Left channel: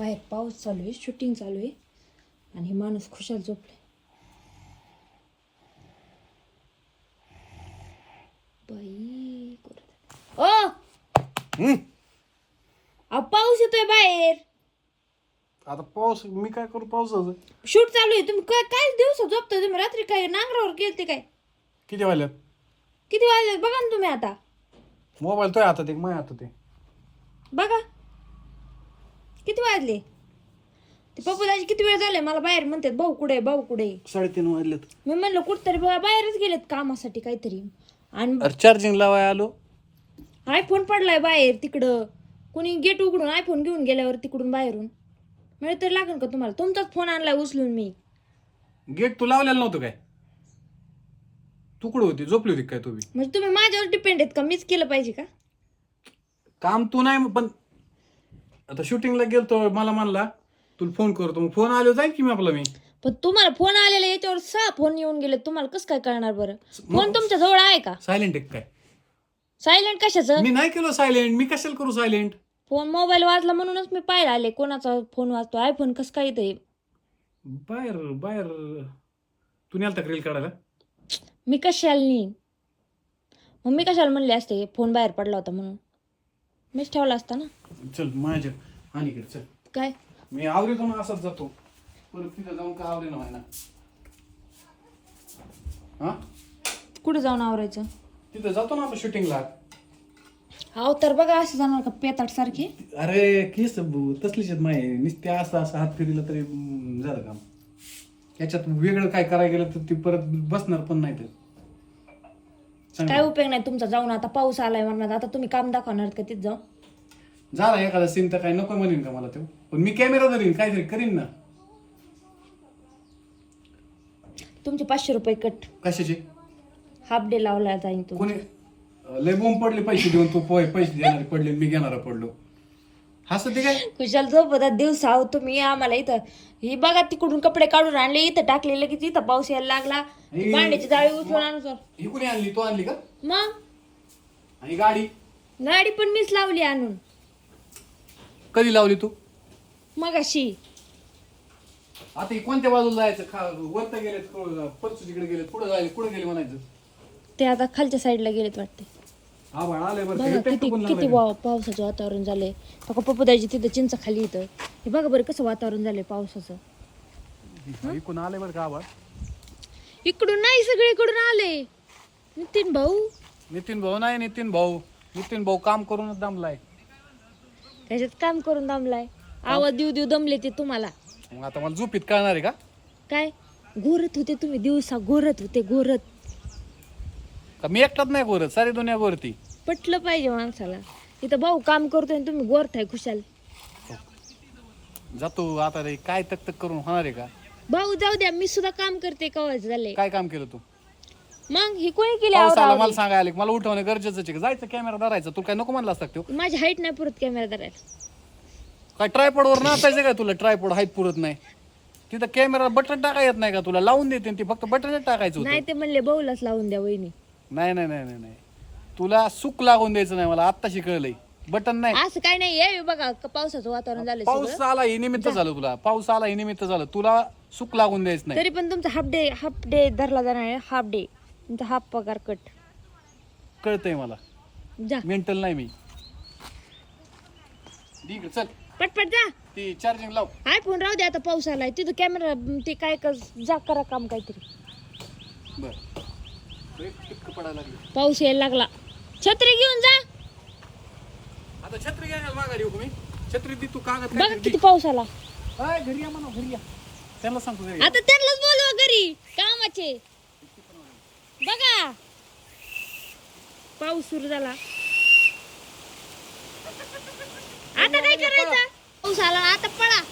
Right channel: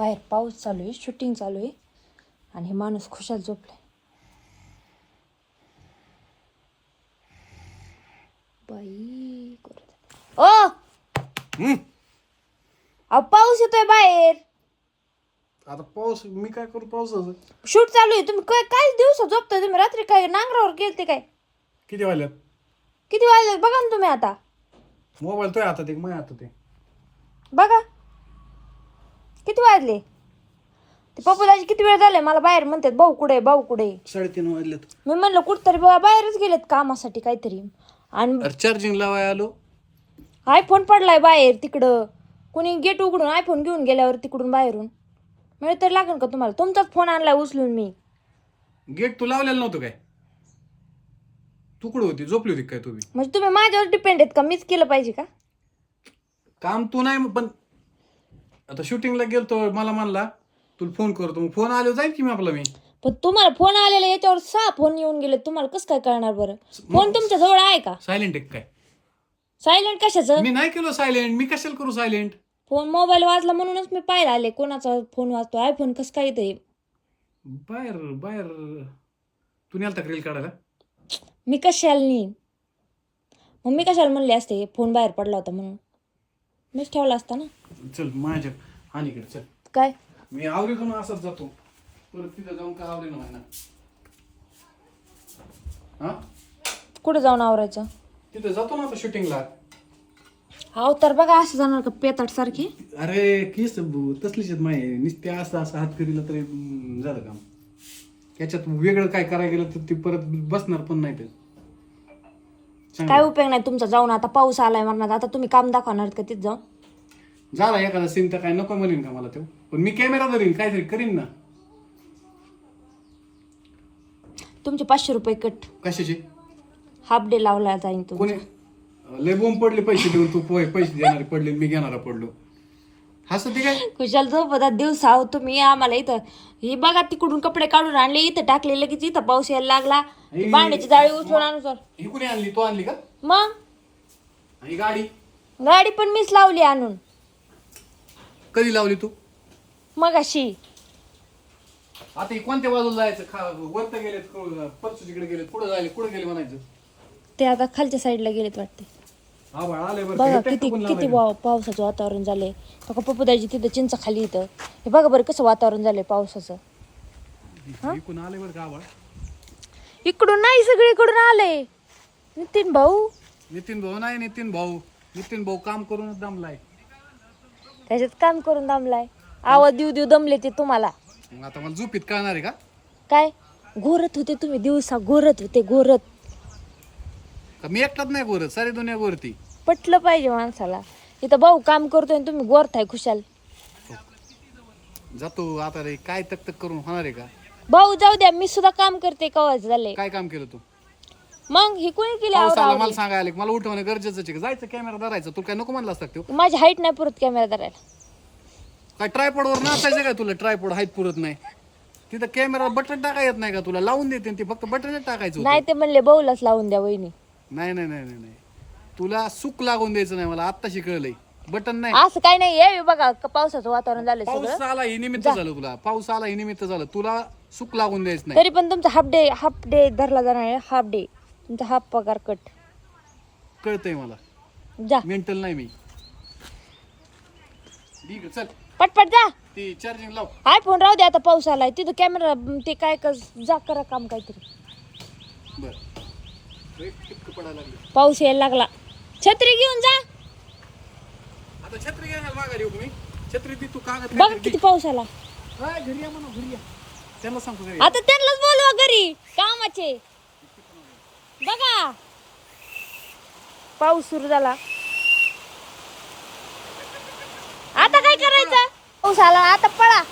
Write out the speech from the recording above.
बाहेर पाऊस चालू आहे शूटिंग चालू आहे आणि हे माणूस खुशाल झोपले बाई ओ. अहो पाऊस येतोय बाहेर. आता पाऊस मी काय करू पावसाचं? शूट चालू आहे. तुम्ही काय काय दिवस झोपताय तुम्ही? रात्री काय नांगरावर गेलते काय? किती वाजल्यात? किती वाजले बघा ना तुम्ही आता. मोबाईल तो हातात एक माझ्या हातात आहे बघा. किती वाजले? ते पप्पूदाजी किती वेळ झाले मला बाहेर म्हणतात भाऊ कुठे भाऊ कुठे साडेतीन वाजलेत. मी म्हणलं कुठतरी बा बाहेरच गेलेत कामासाठी काहीतरी. आणि अरे चार्जिंग लावाय आलो. आयफोन पडलाय बाहेर तिकडं. कोणी गेट उघडून आयफोन घेऊन गेल्यावर तिकडून बाहेरून. मिळत तरी लागेल का तुम्हाला? तुमचाच फोन आणलाय उचलून मी. गेट तू लावलेलं नव्हतं काय? तुकडं होती? झोपली होती काय तुम्ही म्हणजे तुम्ही माझ्यावर डिपेंड आहेत का? मीच केलं पाहिजे का? काम तू नाही पण आता शूटिंगला गेलतो मला म्हणला तुला फोन करतो. मग फोन आलो जाईल की मी आपला मी? पण तुम्हाला फोन आलेला याच्यावर सहा फोन येऊन गेले तुम्हाला कसं काय कळणार बरं? फोन तुमच्या जवळ आहे का? सायलेंट एक काय? सायलेंट कशाचं? मी नाही केलं सायलेंट मी कशाला करू सायलेंट फोन मोबाईल वाजला म्हणूनच मी पाहायला आले कोणाचा फोन वाजतो आयफोन कसं काय ते बाहेर बाहेर. तू नेलता रील काढायला? मी कशाला नेईन मग मी कशाला म्हणले असते फोन बाहेर पडला होता म्हणून? मीच ठेवला असता ना. चल माझ्या अलीकडे चल. काय? मी आवरीतो ना असंच जातो. परत तिथं जाऊन का आवरे ना हा? कुठं जाऊन आवरायचं? तिथं जातो ना आता शूटिंगला. हाव तर बघा असं जाणार का पेताट सारखी? अरे केस बु- तसलीच आहेत माही नुसते असं असं हात फिरला तरी हम्म, झालं काम. याच्यात वेगळं काय करायला गेलं तर ती परत बसणार पण नाही ते. काय उपयोग नाही तुमचा जाऊन आता पाऊस आलाय म्हणणार आता तुम्ही काम दाखवणार का तिथं जाऊन? झाला एखादा सीन तर काय नको म्हणेन का मला तो? पण मी कॅमेरा धरीन काहीतरी करीन ना. तुमचे पाचशे रुपये कट कशाचे? हाफ डे लावला जाईन तू कोणी? लय बोंब पडले पैसे देऊन तू पोय पैसे देणारे पडले मी घेणारा पडलो. हसत ते काय? खुशाल झोपतात दिवस आहो तुम्ही आम्हाला इथं. ही बघा तिकडून कपडे काढून आणले इथं टाकले लगेच इथं पाऊस यायला लागला. हे- भांड्याची जाळी उचलून आणू सर ही कोणी आणली? तू आणली का? मग? आणि गाडी? गाडी पण मीच लावली आणून. कधी लावली तू? मग अशी आता ही कोणत्या बाजूला जायचं? खा वरत गेलेत परसू तिकडे गेलेत पुढे जायले कुठे गेले म्हणायचं? ते आता खालच्या साईडला गेलेत वाटते. बघा किती किती. वा- पावसाचं वातावरण झालंय. बघा पप्पूदाजी तिथं चिंच खाली इथं. हे बघा बरं कसं वातावरण झालंय पावसाचं. इकडून आले बरं का इकडून नाही सगळीकडून आले नितीन भाऊ. नितीन भाऊ नाही नितीन भाऊ. नितीन भाऊ काम करूनच दमलाय. त्याच्यात काम करून दमलाय. आवाज देऊ देऊ दमले ते तुम्हाला. मग आता मला झोपीत कळणार आहे का? काय? घोरत होते तुम्ही दिवसा घोरत होते घोरत का मी एकटाच नाही गोरत सारी दुनिया गोरती. पटलं पाहिजे माणसाला. इथं भाऊ काम करतोय आणि तुम्ही गोरताय खुशाल. जातो आता रे काय तक तक करून होणार आहे का? भाऊ जाऊ द्या मी सुद्धा काम करते कवाच झाले काय काम केलं तू? मग ही कोणी केली पाऊस आला आवरावरी? मला सांगायला आले, मला उठवणं गरजेचं आहे का? जायचं कॅमेरा धरायचं तू काय नको म्हणला असता तो माझी हाईट नाही पुरत कॅमेरा धरायला. काय ट्रायपॉडवर नाचायचं काय तुला? ट्रायपॉड हाईट पुरत नाही. तिथं कॅमेरा बटन टाका येत नाही का तुला? लावून देते ती फक्त बटन टाकायचं होतं. नाही ते म्हणले भाऊलाच लावून द्या वहिनी. नाही नाही नाही नाही नाही. तुला सुख लागून द्यायचं नाही मला आत्ता शिकवलंय. बटन नाही. असं काही नाही ये बघा क- पावसाचं वातावरण झालं सगळं. पाऊस आला हे निमित्त झालं तुला. पाऊस आला हे निमित्त झालं. तुला सुख लागून द्यायचं नाही. तरी पण तुमचा हाफ डे हाफ डे धरला जाणार आहे हाफ डे तुमचा हाफ पगार कट कळतंय मला. जा. मेंटल नाही मी. ठीक आहे, चल. पटपट जा. ती चार्जिंग लाव. आय फोन राहू दे आता पाऊस आलाय. तिथं कॅमेरा ते काय कर जा करा काम काहीतरी. बर. पाऊस यायला लागला. छत्री घेऊन जा. आता छत्री घ्यायला माघारी येऊ का मी? छत्री ती तू कागद बघा काहीतरी किती पाऊस आला दे. हाय, घरी या म्हणा घरी या. त्यांना सांगतो घरी या. आता त्यांनाच बोलवा घरी कामाचे. बघा. पाऊस सुरू झाला. आता काय करायचं? पाऊस आला आता पळा.